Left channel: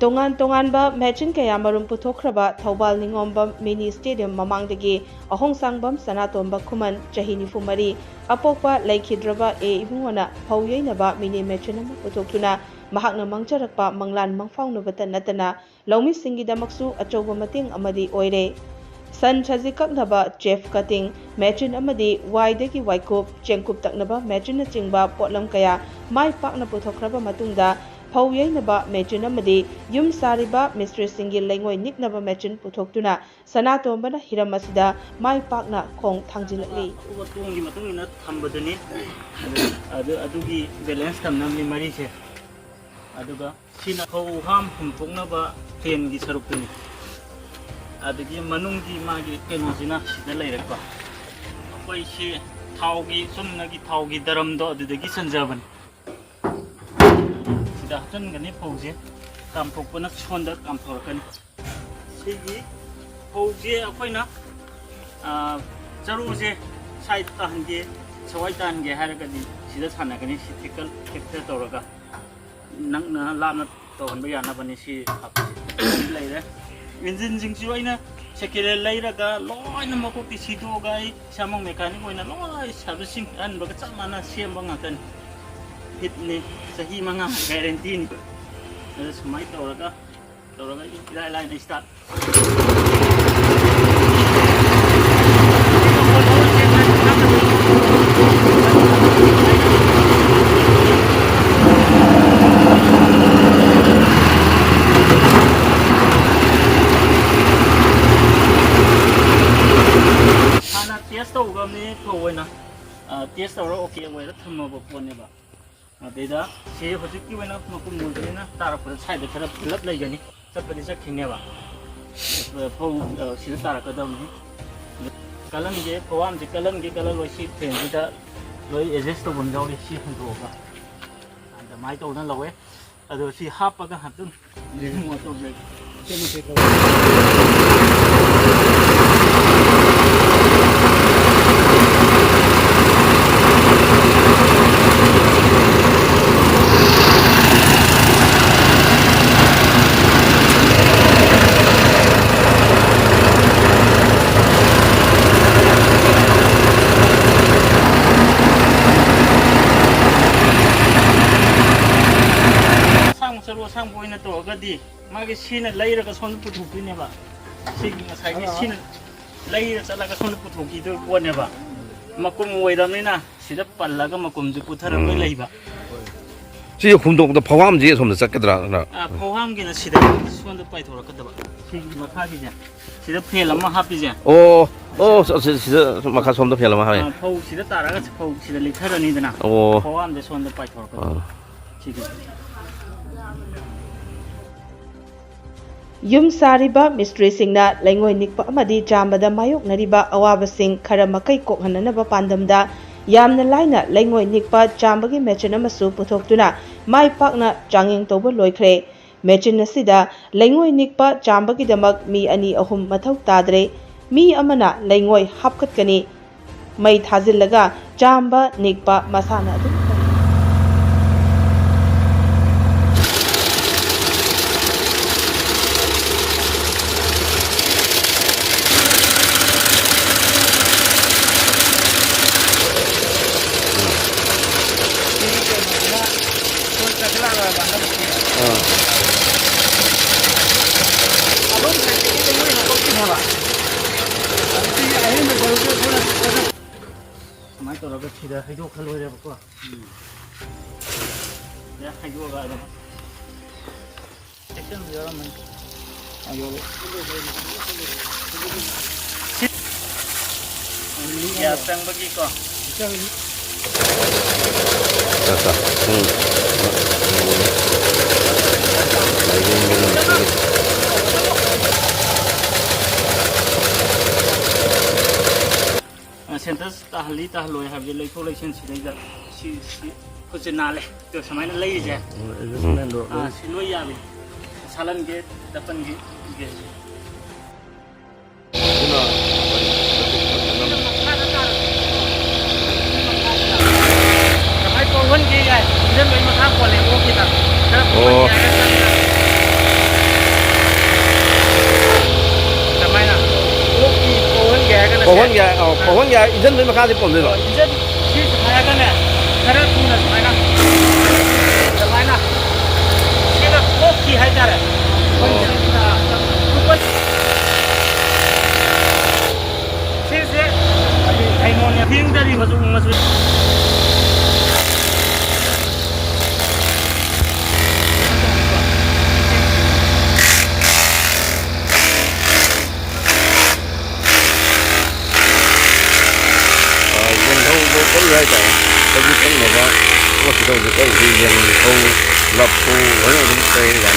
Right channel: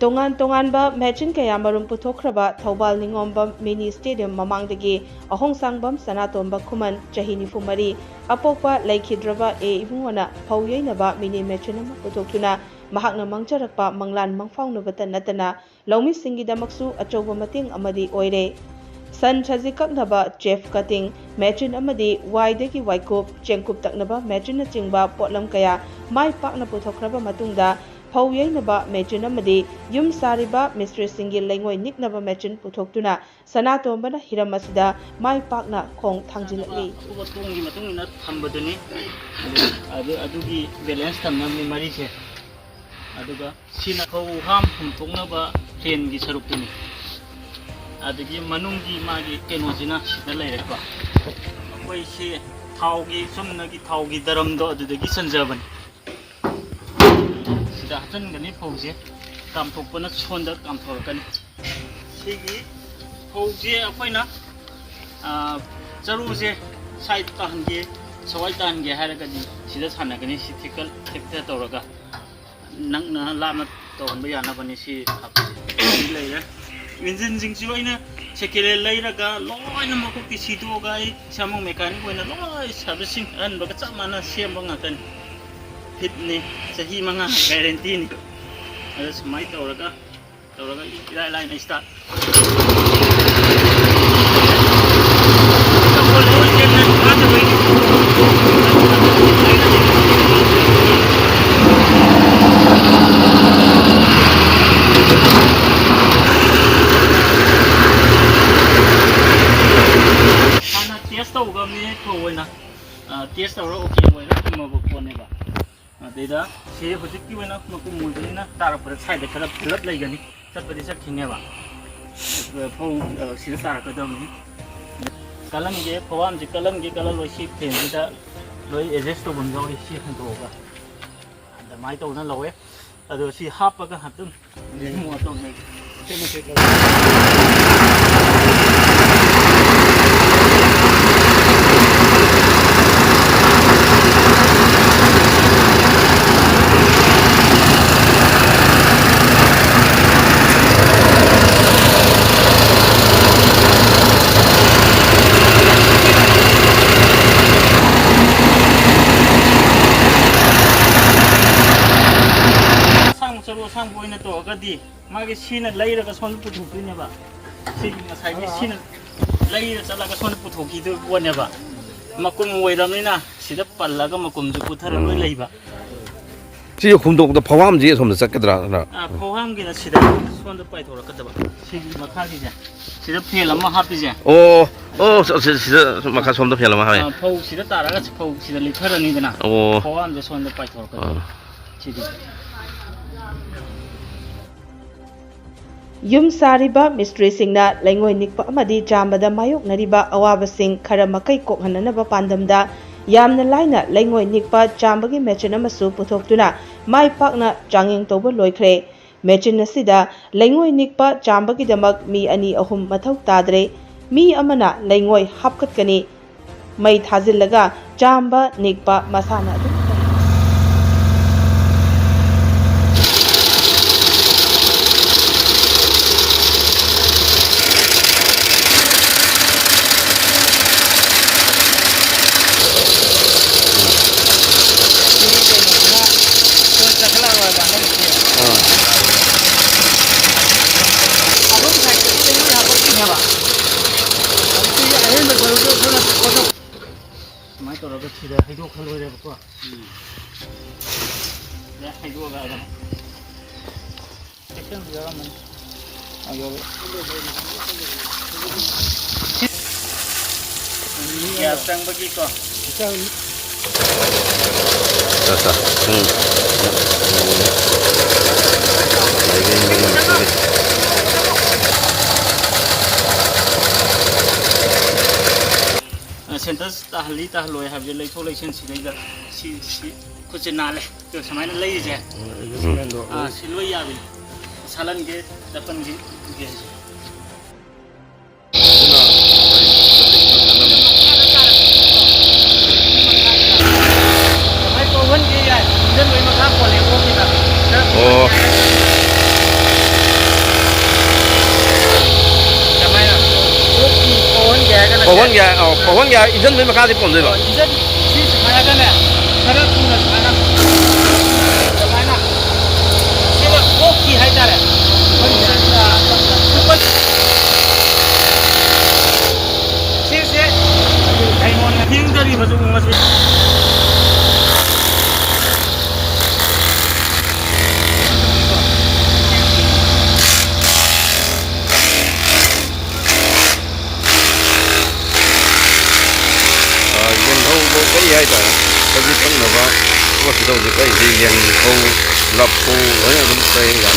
Tongan Tonganba Mechin Kayamarum Puthokraba Thobal Ningomba Mini Stadium Mamangdagi Ahong Sangbam Sanatomba Kuman Chahini Fumari Apopa Laikhidraba E Ibungona Pauyainaba Mini Mechinama Puthokuna Mahakna Mangcharakpa Manglan Mangfaunubata Natana Lomi Singidamaksu Achoba Mating Amadi Oire San Chazikaknaba Chef Cutting Mechin Amadi Waidagi Waikup Chengkup Taknaba Mechin Chingba Potlam Kaya Mai Pakna Puthokraba Matungda Pauyainaba Mechin Amadi Yum Sariba Mistress Singil Langoi Niknaba Mechin Puthokuna Sanatombana Hiramasida Mai Pakna Kong Tangjilali Tungi Matungina Tambadani Adugi Balance Tamnami Marise Aduga Sina Ham Humtunaba Ken Gisarupuni Adagi Manungi Magi Kenozina Sidalayaka Washi Taugi Sunagi Taugi Daramdo the Gisanjavan Sidahan Gani Pose Tampopana Sonda Kamporkan Sigi Pose Apoina Zaruse Side Tange Sawaitange Haragadi Sidas Hanagani Sitikal Teptoraga Nangna Lama Tonbayana Vanisi later. Minzin Zingsuina, Sekele Lairaga, Loin Mokoki Sido guy, Samong Mechanic when a law is servicing and Bagatamana Siamangatan Pitney, Sahimanga, Guarantini. That's my Toraga. Toraga line I start. Test our okay way to move upon Neva. Data, say, Hosiki went up Mukumudina, Tarapur side the Blood Legani, Saparisa Kineva. Sisarakadam Kalange, Poan, the Kalange, Kalalo sheep, and Vita, Loy Ezesto Bundori, sheep and over. And the might of the lower, although she Hapaga had to more to make. Sang to Gadi, Magasina later a son put to never. Singing a side later like a son put to whatever. Makum Wedamina, Sidapa Lagamakum to put her on labor. See you come to the Pawam Jay from the Sakadra. Poham Gina Sida, Swan the Pito or Kataba. Sing Macavia. Sida Pelama Hapizia. Oh, Macas from the Pelama. Po Sida Taras, Po Sida Literana. Oh, Poam the Swan the Pito. Yum Sariba Mystery Singna Langoi Nikpa Amadi Jambada Mayok Nariba Awaba Sing Karamakai Kokhananaba Pandamda Yamna Laina Langoi Nikpa Jambagi Mechinamasu Putoktuna Mai Pakna Janging Toba Loikre Mechin Sida Langoi Nikpa Jambagi Damak Mi Ani Ahum Mathau Tadre Mi Amana Langoi Hapkatkani Mai Tazilaga Jamba Nikpa Masana My daughter got here. I don't know where yeah, I go about them. Take them to your man. I go. Yeah, sang bagi ko. Centers tahli tahloi have the late relation she could not to some lady. Siloyabi. सालन के तपन की गे भाई पवन की गाय इधर में मखा कोले वो की तक पवन गया इंजन में मका से पहुंच जाएगा इंजन चीज खाया का ना खरा तू ना खाना जमाना सीधा वो की है तारे ऊपर ठीक से आई नोन ना थिंग तरी मजू मजू cái gì vậy tôi biết cái nào vậy có gì đâu được cái gì liền câu lập câu với nó đúng cây gần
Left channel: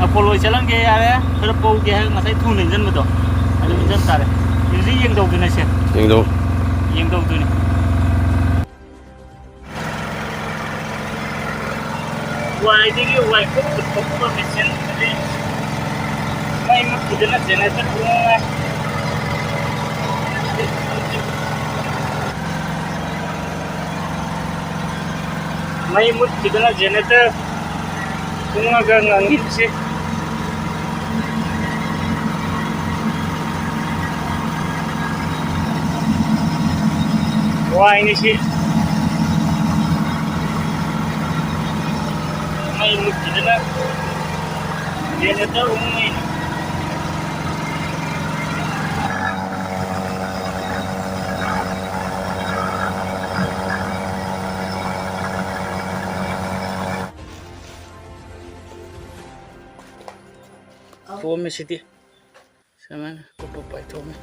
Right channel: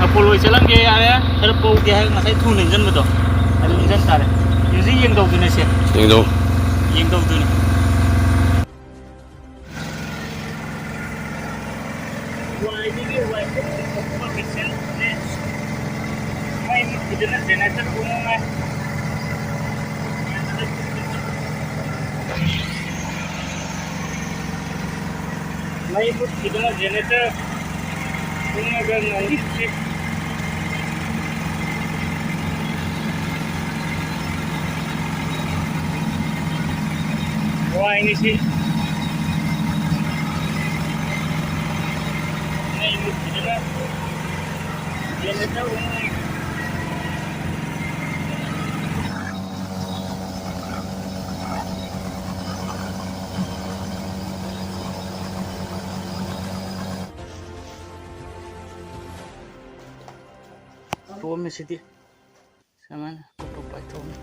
Apollo jalan ke area terpau ke ngasai thu ninjan betul ada ninjan tare jadi yang tahu tu nasi nhưng đâu yang tahu tu ni wah ini wah kau kau mesin jadi mai mak kita nak jangan terbuang mai mut kita nak generator bunga gangan sih wah ini sih mai mut kita nak generator umum ini Thua में सीधी सामान को पाई थो में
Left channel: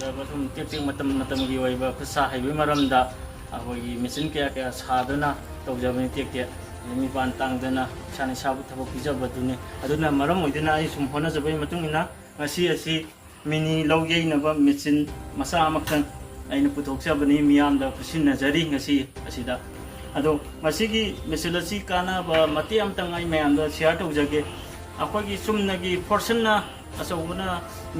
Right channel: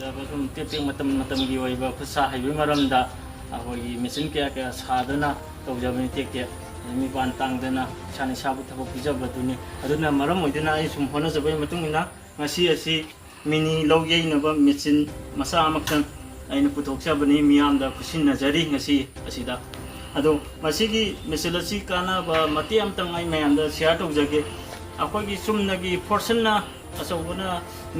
जब तुम tapping मतम की वही खुसा है भी मरम दा अखोई मशीन क्या सादना तौजबनी टेक निपान तांगदना साने साबु थबक पिजबदुने अदुना मरम ओइदना आई सुम होनजबई मतुंगिना ngasi asi mini lawjeinaba machine masa amakhan aina puthokchabani miyamda kusinnajari ngasi asida ado masigi machine asi kana ba mati amtang ai mayamda share tawjage अखोगी सुमनगी फोर्सना असौबना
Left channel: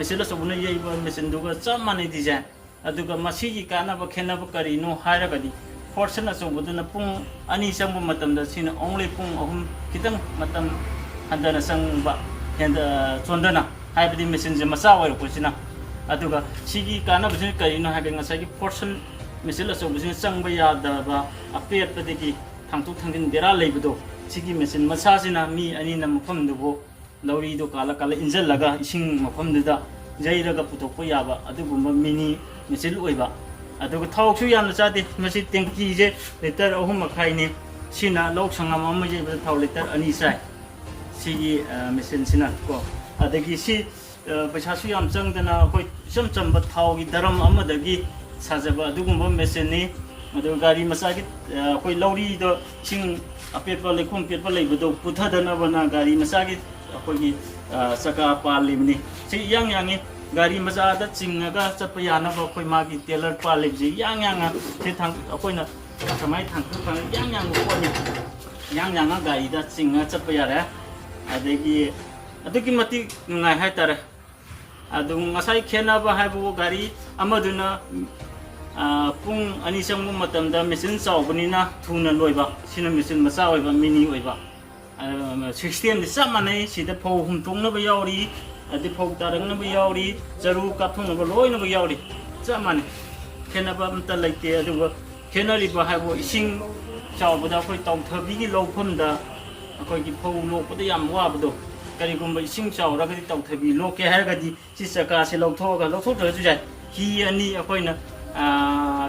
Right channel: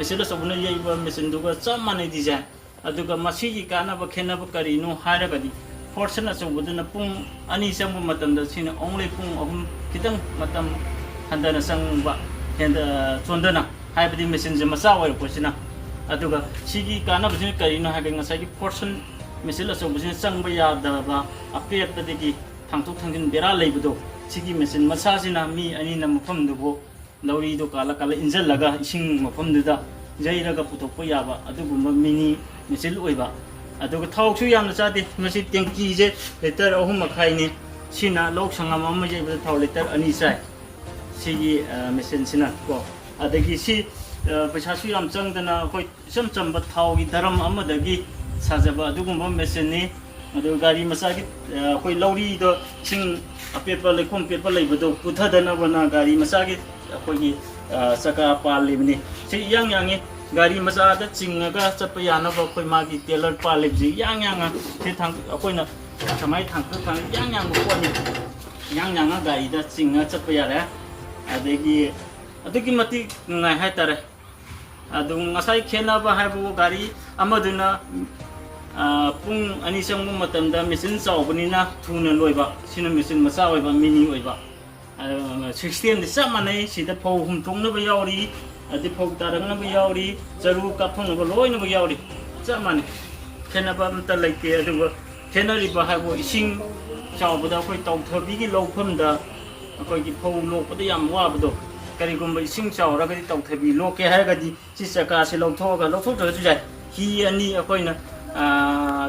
मिसिल असौबना येबा मिसिन दुगा चामाने डिजाइन अदुगा मसीगी कानाबा खेनाबा करिनो हारगदी फोर्सन असौबदना पुंग अनि संगबु मतमदा सिना ओंली पुंग अहुम खितंग मतम हंदना संगबा हेंदा चोंदना हाइबदी मिसिन जे मसा वय पोसिना अदुगा सिगी कानाबा सिना करिनो हागे ngसागी फोर्सन मिसिल असौबसिना संगबा यादबा अपेपदगी थांतु थांदिन बेरा लेबदो सिगी मिसिन मसासिना मी अनि न मफमदुबो लौरी दो काला काला इंजल लगा इसिंग मफमदुदा जैरगा पुथोकपो याबा अदुगुम मिनी मिसिल ओइबा अदुगा थावसु यामना चादे मसि टेंकी जे लिटर अहुम मखाइनी सिना लोक संगम अमा जेबा थाव लिटर अनि चाइ सिगी मिसिन सिना को अदगी सि पैसासु याम चंगदना होय सम चंबा थावगी धरम अमदगी साजबा अदुगुम मिसिननी अदु गाड़ी मसागी होय लौरी दो सिंग अपेपा लेखोम पेपा लेबदो पुथदनबना गाड़ी मसागी अखोगी सका पालिबनी सि यांग यांगे गाड़ी मसादा चिंगगा चप यानबा अखोय मागी टेलर पालिबजी यांग यांग से थांग अखोयना समाय थांग थांग यांग यांग कोनी यांग यांग गाड़ी दा चिंगा चप यारे अदगी मति नुंगाय हायतारे अदु ngasai khenaba haibu गाड़ी अमदुना पुंग अनि संगु मतमदा मिसिन चावबनिना थुना लोइबा सिना मिसिन मसा ओइबा मिनी ओइबा सिस्टम दि सामानै सिदा फौ हमथोंनबा यावरी अदि फौ तारंगनबा यावरी जरु काथोंनबा लोइनबा यावरी सामानै खेनबा मत लैते अदुबा खेनरिबा हाइबो इसिंग चावबदा खoi तौथबिगी लौफमदा अखोइगी फौ लोकपदा याम वाबदो करिगुम्बा इसिंग चावरगदि तौथबि लोके हारगदि सि चका से लौथोगा लौथोदरजु जाय की अनि अखोइना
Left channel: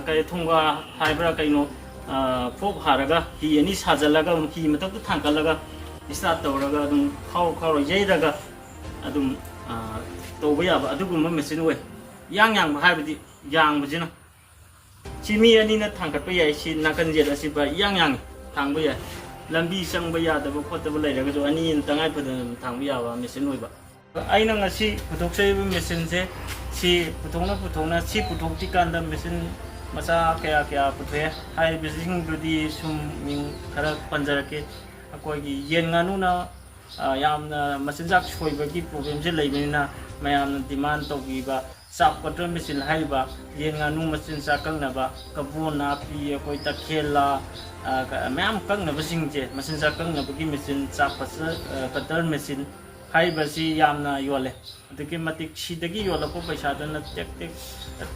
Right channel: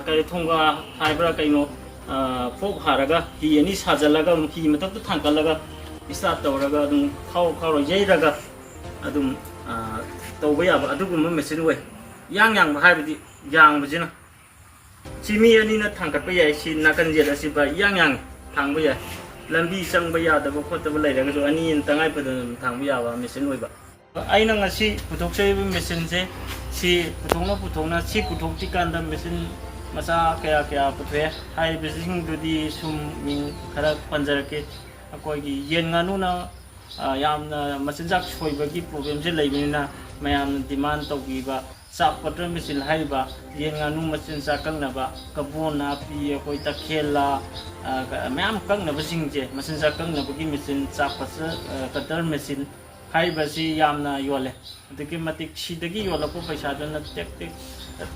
कई थोंगा हाइब्रा कईनो फोक हारगा ही अनि साजलगा की मतक थांकलगा स्टार्ट तौरगा खाव खाव येरगा अदुम तौबा याबा अदुगुम मशीन वे यांग यांग हाइबदि यांग बजिना सिमी अनि न थांकटबा याय सि नाकन जेला सि बा यांग यांग थांबा या लंबी संबा यादबा खोतबा लेरगा जो अनि तंगाय पदन थांबा याबा मशीन वेबा आइना ngasi puthokse machine je si puthongna si puthokti kanda machine masa kaya kya puthe hai bising dudi sum ming khara panjarake ꯑꯩꯈꯣꯏꯒꯤ ꯌꯦꯟ ꯉꯥꯅꯨꯅ ꯌꯥꯝꯅ ꯃꯆꯤꯟꯖꯥꯛ ꯁꯣꯏꯕꯒꯤ ꯄ꯭ꯔꯣꯕ꯭ꯂꯦꯝꯁꯦ ꯂꯩꯕꯅꯤꯅ ꯃꯌꯥꯝꯅ ꯗꯤꯃꯥꯟ ꯇꯧꯕꯤꯕ ꯆꯥꯛ ꯄꯇꯔ ꯃꯦꯆꯤꯟ ꯍꯥꯏꯔꯤꯕ ꯌꯦꯟ ꯉꯥꯅꯨ ꯃꯆꯤꯟꯖꯥꯛ ꯀꯛꯅꯕ ꯀꯕꯣ ꯅꯥꯄꯤ ꯑꯩꯈꯣꯏ ꯇꯈꯦꯜꯂꯥ ꯃꯌꯥꯝ ꯀꯛꯅꯕꯁꯤꯡꯁꯦ ꯃꯆꯤꯟꯖꯥꯛ ꯀꯛꯅꯕꯒꯤ ꯃꯦꯆꯤꯟ ꯆꯥꯛ ꯀꯇꯔ ꯃꯦꯆꯤꯟ ꯍꯥꯏꯔꯤꯕꯁꯤ ꯌꯥꯝꯅ ꯌꯣꯜꯂꯦ ꯑꯗꯨꯛꯀꯤ ꯃꯇꯤꯛ ꯁꯤꯗꯒꯤ ꯌꯣꯜꯂꯛꯄ ꯄꯩꯁꯥꯗꯨꯅ ꯇꯦꯛ ꯇꯦꯛ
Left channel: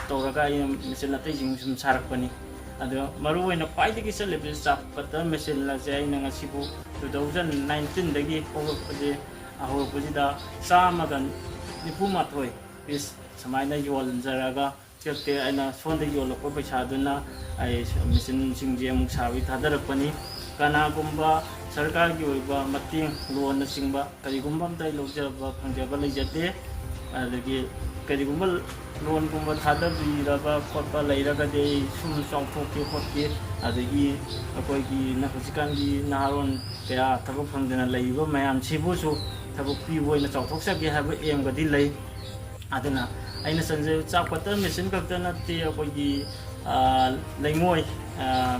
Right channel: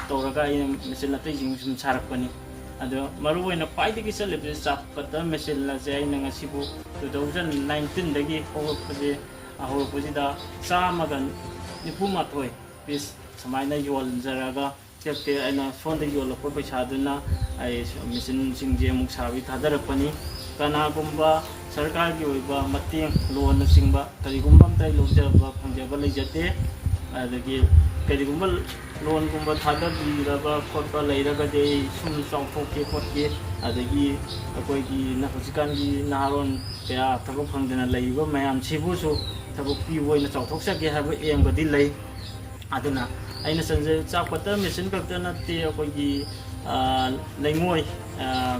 ꯇꯧꯔꯒ ꯑꯩꯅ ꯃꯦꯆꯤꯟ ꯑꯇꯩꯁꯤꯡ ꯁꯨꯝ ꯁꯥꯔꯛꯄꯅꯤ ꯑꯗꯣ ꯃꯔꯨꯑꯣꯏꯅ ꯈ꯭ꯋꯥꯏꯗꯒꯤ ꯆꯠꯂꯤꯕꯁꯤ ꯆꯥꯛ ꯀꯇꯔ ꯃꯦꯆꯤꯟ ꯑꯁꯦ ꯑꯩꯅ ꯉꯁꯤꯕꯨ 2019ꯗꯒꯤ ꯍꯧꯔꯛꯄꯁꯤꯗ 191 ꯄꯤꯁ ꯁꯨꯃꯥꯏꯅ ꯌꯣꯟꯖꯔꯒ ꯇꯦꯛ ꯑꯩꯅ ꯁꯣꯝꯗ ꯌꯣꯜꯂꯛꯄ ꯄꯩꯁꯥꯗꯨꯅ ꯑꯩ ꯃꯦꯆꯤꯟꯁꯤꯡꯁꯦ ꯑꯃꯨꯛ ꯁꯥꯕꯒꯤ ꯊꯥꯗꯔꯛꯄꯅꯤ ꯀꯅꯥꯒꯨꯝꯕ ꯁꯔꯀꯥꯔꯒꯤ ꯑꯣꯏꯕ ꯃꯇꯦꯡ ꯂꯣꯟꯅꯆꯤꯡꯕ ꯀꯔꯤꯒꯨꯝꯕ ꯑꯝꯇ ꯂꯧꯖꯕ ꯐꯪꯖꯕ ꯂꯩꯖꯗꯦ ꯑꯗꯒꯤ ꯀꯔꯤꯒꯨꯝꯕ ꯂꯣꯟꯒꯨꯝꯕ ꯊꯥꯗꯕꯤꯔꯕ ꯈꯣꯠꯄ ꯂꯩꯔꯒꯗꯤ ꯑꯩ ꯁꯨꯝ ꯆꯥꯎꯊꯣꯛꯀꯦ ꯈꯣꯠꯀꯦ ꯑꯗꯒꯤ ꯑꯩꯈꯣꯏꯒꯤ ꯍꯧꯖꯤꯛꯀꯥꯟꯒꯤ ꯅꯍꯥꯔꯣꯟ ꯀꯌꯥ ꯊꯕꯛ ꯐꯪꯗꯅ ꯂꯩꯔꯤꯕ ꯃꯌꯥꯝꯁꯤꯕꯨꯁꯨ ꯊꯕꯛ ꯄꯤꯕ ꯑꯣꯏꯅ ꯆꯥꯎꯊꯣꯛꯆꯒꯦ ꯍꯥꯏꯕ ꯑꯦꯝꯒꯗꯤ ꯂꯩ ꯑꯗꯨꯅ ꯑꯩꯅ ꯆꯪꯖꯩ ꯆꯥꯛ ꯀꯇꯔ ꯃꯦꯆꯤꯟ ꯈꯛꯇ ꯅꯠꯇꯦ ꯑꯩꯈꯣꯏꯒꯤ ꯂꯩꯉꯣꯏ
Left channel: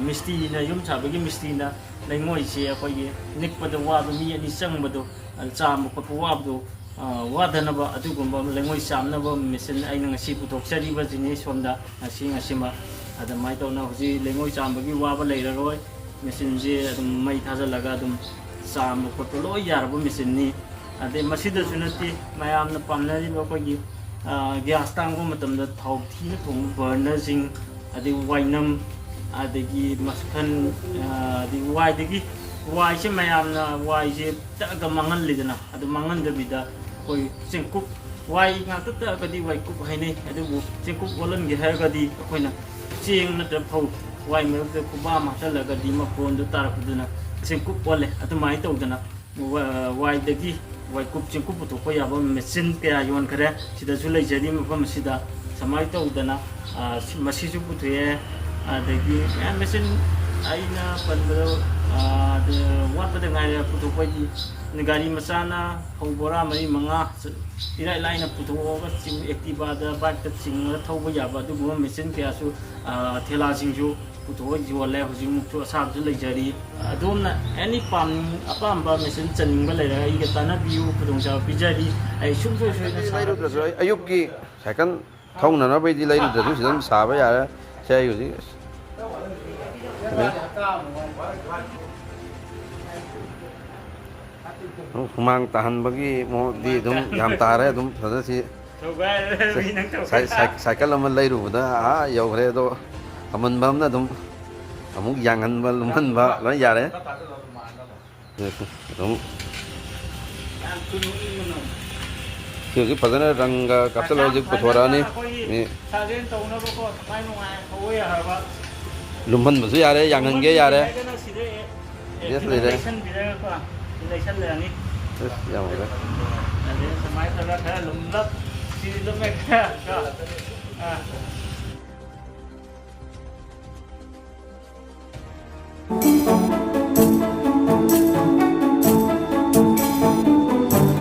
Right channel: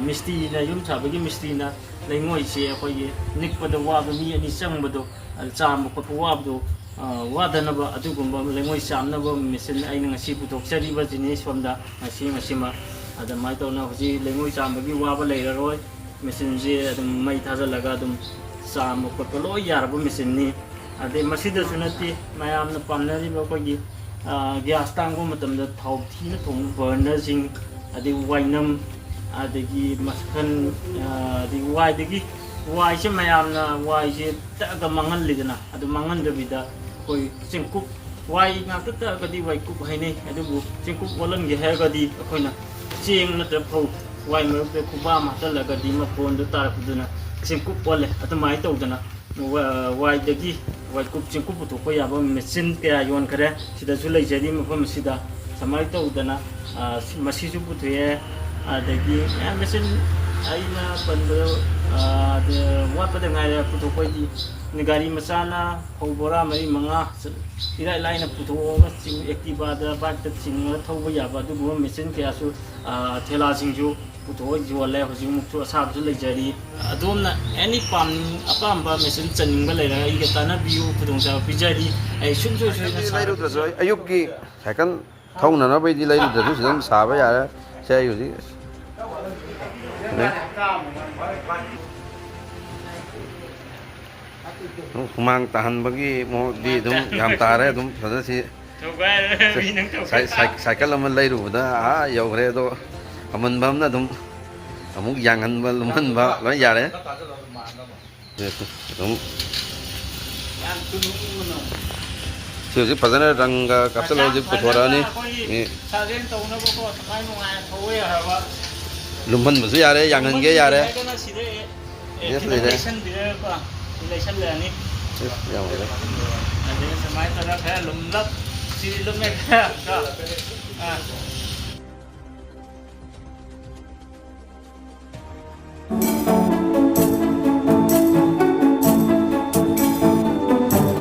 ꯃꯤꯁꯇ꯭ꯔꯤꯅ ꯌꯨꯝ ꯁꯥꯕꯒꯤ ꯃꯤꯁꯇ꯭ꯔꯤꯅ ꯂꯩꯉꯣꯏꯁꯦ ꯑꯩꯈꯣꯏꯒꯤ ꯅꯤꯛꯄꯗ ꯋꯥꯕ ꯃꯤ ꯑꯅꯤ ꯆꯪꯕꯗꯣ ꯆꯥꯝꯕ ꯈꯣꯠꯄ ꯋꯥꯕꯗꯣ ꯋꯥꯗꯅꯕ ꯑꯗꯨꯒꯨꯝꯕ ꯂꯩꯉꯣꯏ ꯆꯥꯝꯅꯕ ꯃꯦꯆꯤꯟ ꯑꯩꯅ ꯉꯁꯤ ꯄꯨꯊꯣꯛꯆꯔꯤꯕꯁꯤꯅꯤ ꯁꯣꯝꯗ ꯉꯁꯤꯃꯛ ꯑꯗꯨꯃꯥꯏꯅ ꯇꯧꯅ ꯍꯧꯖꯤꯛ ꯂꯩꯉꯣꯏ ꯆꯥꯝꯕꯒꯤ ꯋꯥꯕ ꯂꯩꯔꯔꯣꯏ ꯃꯦꯆꯤꯟꯁꯦ ꯑꯗꯨꯝ ꯃꯩ ꯊꯥꯖꯤꯜꯂꯒ ꯑꯗꯨꯝ ꯆꯥꯝꯕ ꯈꯣꯠꯄ ꯂꯣꯏ ꯌꯥꯔꯕ ꯃꯦꯆꯤꯟꯅꯤ ꯑꯗꯩ ꯃꯁꯤꯗꯁꯨ ꯅꯠꯇꯦ ꯃꯌꯥꯝꯅ ꯄꯥꯝꯅꯔꯤꯕ ꯑꯩꯈꯣꯏꯒꯤ ꯒ꯭ꯌꯥꯁ ꯇꯥꯡꯕ ꯃꯇꯝꯗ ꯊꯥꯎ ꯊꯤꯅ ꯊꯣꯡꯕ ꯕꯔꯅꯔꯁꯤꯡ ꯑꯗꯩ ꯋꯥꯏꯅꯝ ꯑꯗꯒꯤ ꯃꯈꯜ ꯑꯗꯒꯤ ꯋꯥꯏꯁꯦ ꯃꯌꯥꯝꯅ ꯋꯥꯏꯁꯦ ꯇꯛꯑꯒ ꯃꯥꯡꯍꯜꯂꯤꯗꯅ ꯑꯗꯨ ꯃꯥꯡꯍꯟꯗꯕꯤꯗ ꯑꯩꯈꯣꯏ ꯆꯦꯡꯀꯨꯞ ꯋꯥꯏ ꯉꯥꯛꯇ ꯇꯛꯑꯒꯗꯤ ꯋꯥꯏꯀꯨꯞ ꯍꯥꯏꯅꯩ ꯑꯗꯨꯕꯨ ꯆꯦꯡꯀꯨꯞ ꯑꯣꯜꯍꯟꯒꯦ ꯍꯥꯏꯔꯒꯗꯤ ꯑꯩꯈꯣꯏꯅ ꯆꯦꯡ ꯅꯠꯇ꯭ꯔꯒ ꯐꯧ ꯋꯥꯏ ꯃꯔꯛꯇ ꯈꯨꯕꯥꯝ ꯍꯥꯞꯆꯤꯜꯂꯒꯗꯤ ꯃꯐꯣꯟꯗꯨ ꯇꯥꯔꯛꯄꯗꯨꯅ ꯆꯦꯡꯀꯨꯞ ꯑꯣꯜꯂꯦ ꯑꯗꯨꯃꯥꯏꯅ ꯇꯧꯗꯅ ꯋꯥꯏꯗꯒꯤ ꯋꯥꯏꯀꯨꯞ ꯆꯦꯡꯀꯨꯞ ꯄꯨꯊꯣꯛꯄ ꯌꯥꯕ ꯃꯦꯆꯤꯟ ꯀꯌా ꯌꯣꯟꯈ꯭ꯔꯦ ꯁꯤꯗꯁꯨ ꯂꯩꯖꯔꯤ ꯃꯐꯝ ꯑꯁꯤꯗ ꯁꯨꯃꯥꯏꯅ ꯇꯧꯗꯅ ꯃꯁꯤꯁꯨ ꯄꯨꯊꯣꯛꯑꯦ ꯑꯗꯒꯤ ꯃꯌꯥꯝ ꯃꯦꯆꯤꯟ ꯑꯩꯅ ꯄꯟꯕꯗ ꯋꯥꯠꯄꯗ ꯉꯥꯏꯔꯦ ꯄꯨꯊꯣꯛꯄꯒꯤ ꯒꯥꯔꯤ ꯃꯆꯥꯅ ꯐꯧ ꯕꯣꯔꯥ 4-5 ꯏꯔꯥꯏ ꯂꯥꯏꯅ ꯄꯨꯊꯣꯛꯑꯒ ꯑꯦꯛꯇꯤꯚꯥꯗ ꯕꯥꯏꯛꯇ ꯆꯤꯡꯉꯒ ꯊꯧꯕ ꯌꯥꯕ ꯑꯗꯨꯒꯨꯝꯕ ꯃꯦꯆꯤꯟ ꯀꯌꯥꯁꯨ ꯊꯦꯂꯥꯁꯤꯡꯁꯨ ꯄꯨꯊꯣꯛꯑ ꯌꯣꯜꯂꯦ ꯍꯧꯖꯤꯛꯃꯨꯛꯁꯨ ꯑꯁꯥꯕꯁꯨ ꯂꯩꯖꯔꯤ ꯑꯗꯣꯝꯅ ꯑꯦꯅꯤ ꯑꯄꯥꯝꯕ ꯃꯦꯆꯤꯟ ꯆꯟꯅꯤꯡꯕ ꯂꯩꯔꯒ ꯑꯩꯒ ꯇꯥꯟꯅꯕꯤꯌꯨ ꯈꯨꯗꯣꯡꯆꯥꯕ ꯄꯤꯖꯔꯤ ꯑꯩ ꯁꯨꯡꯁꯣꯏ ꯁꯣꯏꯗꯅ ꯂꯩꯔꯨꯗ꯭ꯔꯁꯨ ꯑꯌꯨꯛꯀꯤ ꯁꯥꯏꯀꯜ ꯊꯧꯅꯅꯕꯩꯗꯤ ꯂꯩꯔꯨꯗ꯭ꯔꯁꯨ ꯁꯤꯗ ꯑꯗꯨꯝ ꯁꯥꯕ ꯌꯥꯔꯦ ꯁꯦ ꯑꯩ ꯍꯧꯖꯤꯛ ꯍꯨꯃꯥꯡ ꯇꯥꯍꯟꯕꯒꯤ ꯃꯑꯣꯡꯗꯤ ꯑꯗꯨꯝ ꯌꯥꯝ ꯇꯥꯔꯦ ꯑꯗꯨꯝ ꯐꯖꯅ ꯁꯤ ꯁꯥꯏꯀꯜ ꯑꯃ ꯂꯩꯔꯨꯕꯗ ꯌꯧꯈ꯭ꯔꯦ ꯑꯗꯣ ꯑꯃꯟꯕ ꯑꯃꯅ ꯑꯗꯨꯝ ꯑꯃꯨꯛ ꯌꯥꯡꯍꯟꯕ ꯂꯨꯝꯍꯟꯕ ꯂꯣꯏ ꯌꯥꯔꯦ ꯑꯗꯨꯝ ꯁꯤ ꯍꯧꯖꯤꯛ ꯐꯖꯅ ꯔꯪꯒ ꯀꯥꯞꯁꯤꯜꯂꯒ ꯍꯧꯖꯤꯛ ꯄꯨꯊꯣꯔꯛꯑꯅꯤ ꯂꯨꯝꯍꯟꯕꯁꯨ ꯌꯥꯔꯦ ꯌꯥꯡꯍꯟꯒꯦ ꯌꯥꯔꯦ ꯂꯩꯁꯜꯂꯅꯤ ꯌꯥꯎꯔꯦ ꯑꯗꯩ ꯁꯨꯃꯥꯏꯅ ꯇꯧꯔꯒ ꯈꯔ ꯂꯨꯝꯂꯞ ꯁꯤ ꯂꯨꯝꯃꯦ ꯈꯔ